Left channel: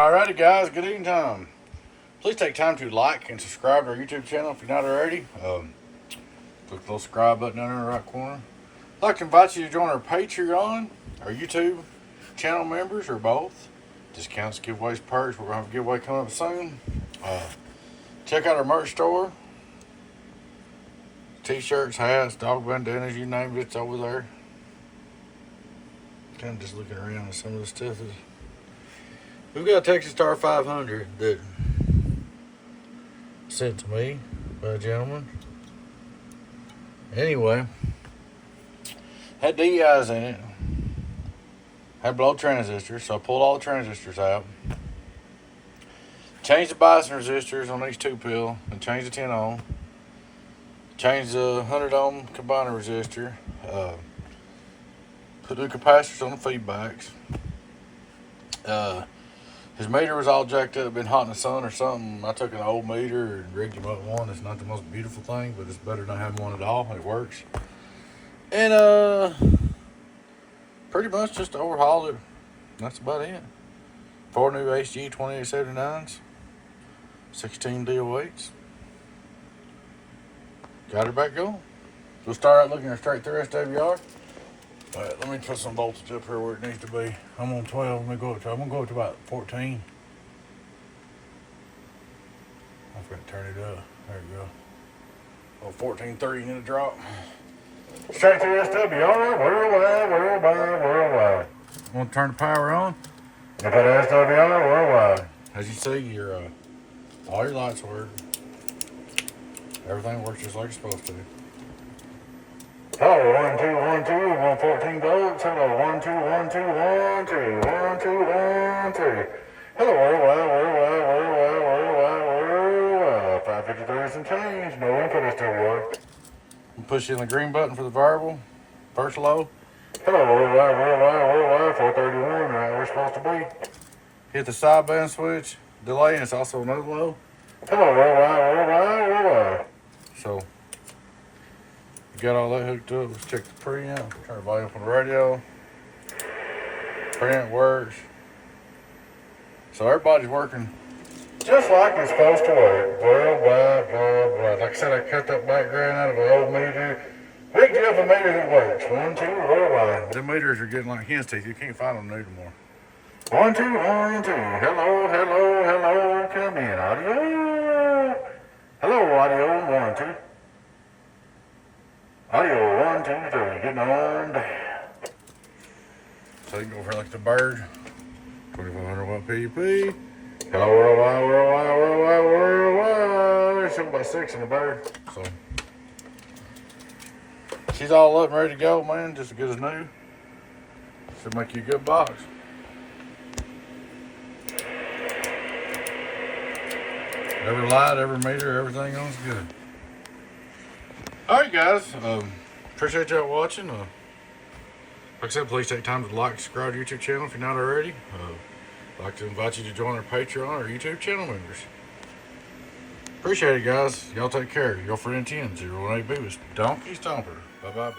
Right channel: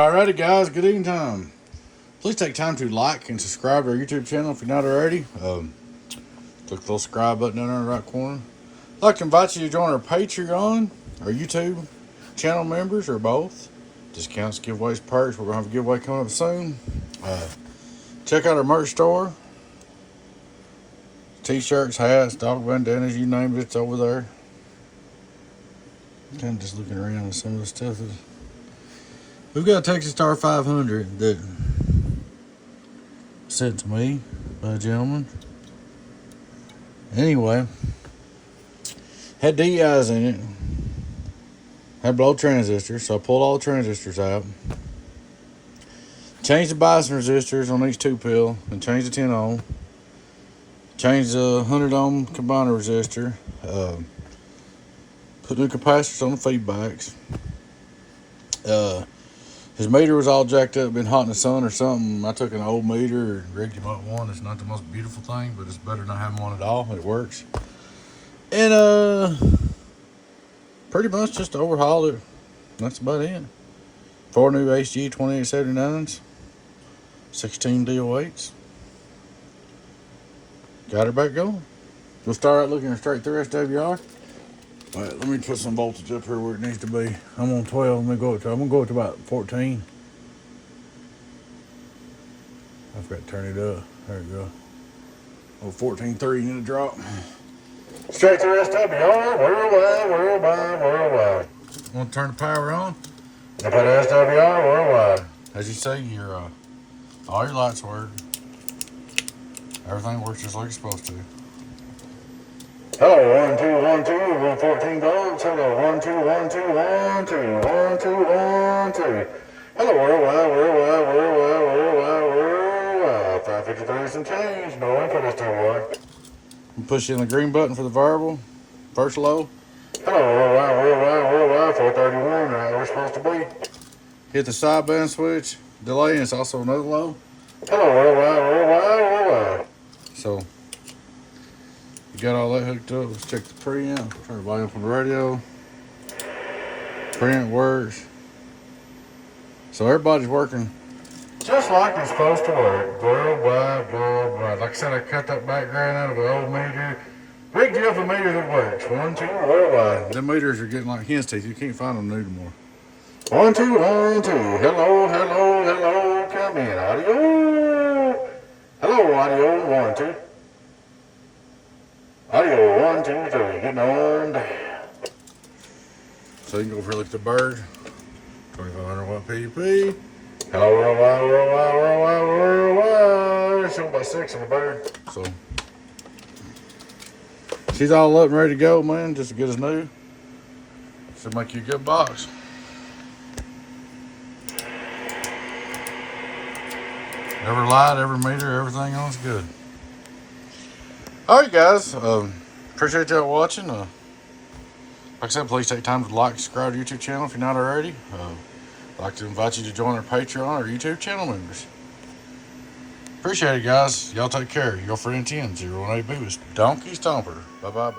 Alrighty guys, good evening time. Please take time to like and subscribe to our YouTube channel if you're not already. Click the little subscribe button down there in the right corner. I'd like to invite you to join our Patreon, our YouTube channel members, or both. Discounts, giveaways, perks. We're going to have a giveaway coming up soon. Check out our merch store. T-shirts, hats, dog bandanas, you name it, it's over there. Kind of just looking around at some of the stuff. We've got a Texas Star 500 that sent to me by a gentleman. Anyway, had DIs in it. Had below transistors, so I pulled all the transistors out. Changed the bias resistors on each 2-pill and changed the 10 ohm. Changed the 100 ohm combiner resistor. Put new capacitors on the feedbacks. His meter was all jacked up, been hot in the sun or something. I took an old meter and rigged him up one. It's not the most beautiful thing, but it's better than not having one at all, and it works. And pretty much just overhauled it. That's about it. 4 new HG 2879s, 16 DO8s. Got her back going. We'll start out looking at straight through SWR. All right, let me put some voltage up here where it needs to be. I'm on 12. I'm gonna go up to about 14. I forgot to turn it up. There we go. Oh, 14.3 gonna drop. Straight through SWR, worldwide. Want to turn the power on? Up at SWR, worldwide. As you see, all your lights work. Everything works just like it's supposed to. Hello, 1 2 1 2 114 volts. Hello, 1 2 1 2 1 2 1 2 1 2. Hello, worldwide. 553 some change. No input SWR. Push in the green button for the variable. First low. Hello, worldwide. 431. Right where it's supposed to be. Hit the sideband switch. Delay, and it's also another low. Hello, worldwide. So. Got all that hooked up. Let's check the preamp. Turn the volume from the radio. Preamp works. So everybody's working just like it's supposed to work. Worldwide. Like I said, I cut that background out of an old meter. Rigged you up a meter that works. 1 2 worldwide. Them meters are getting like hen's teeth. You can't find them new anymore. 1 2 1 2. Hello. Come in. Audio. Hello, audio. 1 2. Audio, 1 2 3, getting on down. So you can go for like the bird, 2500 watt PUP. Hello, worldwide. Showing about 6 in the bird. So she's all up and ready to go, man, just as good as new. Should make you a good box. Every light, every meter, everything on is good. Alright guys, appreciate y'all watching. Like I said, please take time to like and subscribe to our YouTube channel if you're not already. I'd like to invite you to join our Patreon or YouTube channel members. Appreciate it guys. Y'all take care. Your friend 10 018B with Donkey Stomper. Bye.